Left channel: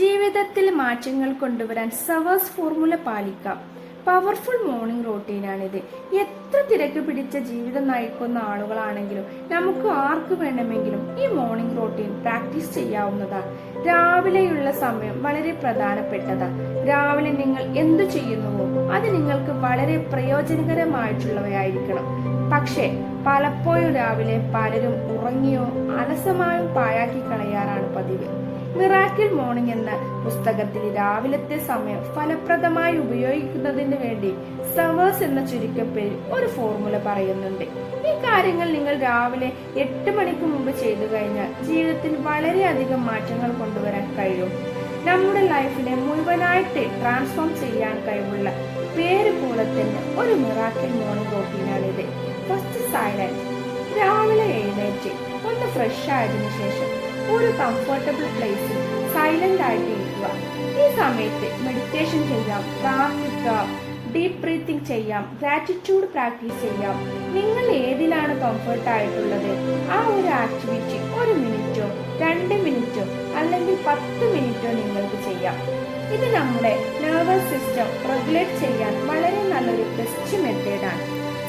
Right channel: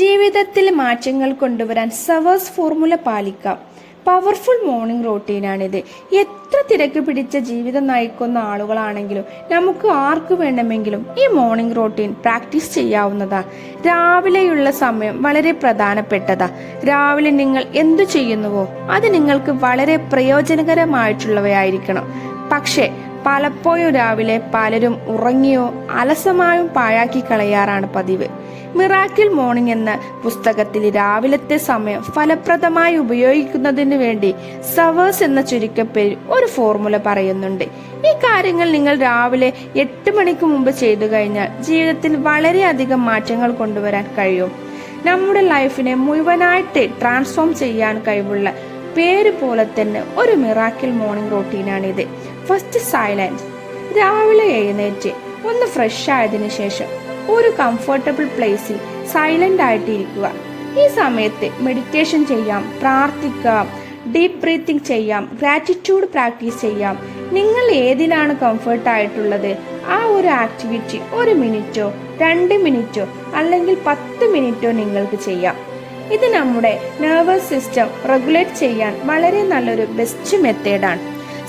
ജീവിതത്തിൽ മാറ്റങ്ങൾ കൊണ്ടുവരാൻ സവേഴ്സ് ഫോർമുല പാലിക്കാം. പവർഫുൾ മോർണിംഗ് റൂട്ടീനാണിത്. എത്ര തിരക്ക് പിടിച്ച ജീവിതം നയിക്കുന്ന ആളുകളാണെങ്കിലും നമുക്ക് ആർക്കു വേണമെങ്കിലും ഈ മോർണിംഗ് റൂട്ടീൻ പ്രാക്ടീസ് ചെയ്യാവുന്നതാ. രാവിലെയുള്ള സമയം വളരെ പ്രധാനപ്പെട്ടതാ. രാവിലെ നിങ്ങൾ എന്തു ചെയ്യുന്നുവോ അത് നിങ്ങൾക്ക് വളരെ പ്രയോജനകരമായിട്ടുള്ളവയായിരിക്കണം. പക്ഷേ പലപ്പോഴും രാവിലെ പലരും ഉറങ്ങിയോ അലസമായും പാഴാക്കി കളയാറാണ് പതിവ്. മിറാക്കിൾ മോർണിംഗ് എന്ന പുസ്തകത്തിൽ രാവിലത്തെ സമയം ഫലപ്രദമായി ഉപയോഗിക്കുന്നതിന് വേണ്ടി സവേഴ്സ് എന്ന ചുരുക്കപ്പേരിൽ ഒരു ഫോർമുല പറയുന്നുണ്ട്. ഈ കാര്യങ്ങൾ നിങ്ങൾ രാവിലെ 8 മണിക്ക് മുമ്പ് ചെയ്തു കഴിഞ്ഞാൽ ജീവിതത്തിൽ വളരെയധികം മാറ്റങ്ങൾ കൊണ്ടുവരാൻ കഴിയും. നമ്മുടെ ലൈഫിനെ മുഴുവനായിട്ട് ട്രാൻസ്ഫോം ചെയ്യാൻ കഴിവുള്ള പേര് പോലെ തന്നെ ഒരു മിറാക്കിൾ മോർണിംഗ് റൂട്ടീനാണിത്. First, silence. രാവിലെ എഴുന്നേറ്റ് ഒന്ന് ഫ്രഷ് ആയതിനു ശേഷം ഒരു കംഫർട്ടബിൾ പ്ലേസിൽ സൈലന്റ് ആയിട്ട് ഇരിക്കുക. ഈ സമയത്ത് മെഡിറ്റേഷൻ ചെയ്യാം, പ്രാർത്ഥിക്കാം, ഡീപ്പ് ബ്രീത്തിങ് ചെയ്യാം, ഗ്രാറ്റിറ്റ്യൂഡ് പ്രാക്ടീസ് ചെയ്യാം. നിങ്ങൾ ഏതിലാണ് കംഫർട്ട് ആയിട്ടുള്ളത് ആ ഒരു ആക്ടിവിറ്റി 1 മിനിറ്റോ 2 മിനിറ്റോ അല്ലെങ്കിൽ 10 മിനിറ്റോ നിങ്ങൾക്ക് ചെയ്യാം. ഇത് നമ്മുടെ നെർവസ് സിസ്റ്റം റെഗുലേറ്റ് ചെയ്യാൻ വളരെ നല്ലൊരു ബെസ്റ്റ് മെത്തേഡാണ്.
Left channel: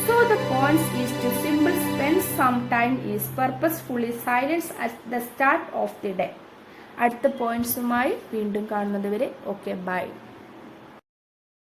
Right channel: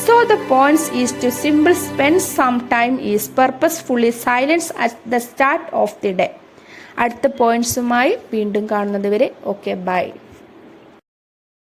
So the point is to simply spend some time is purposefully silence at the start of the day. അടുത്ത പോയിന്റ്സുമായി വീണ്ടും കാണുന്നത് വരെ ഓക്കെ ബൈ.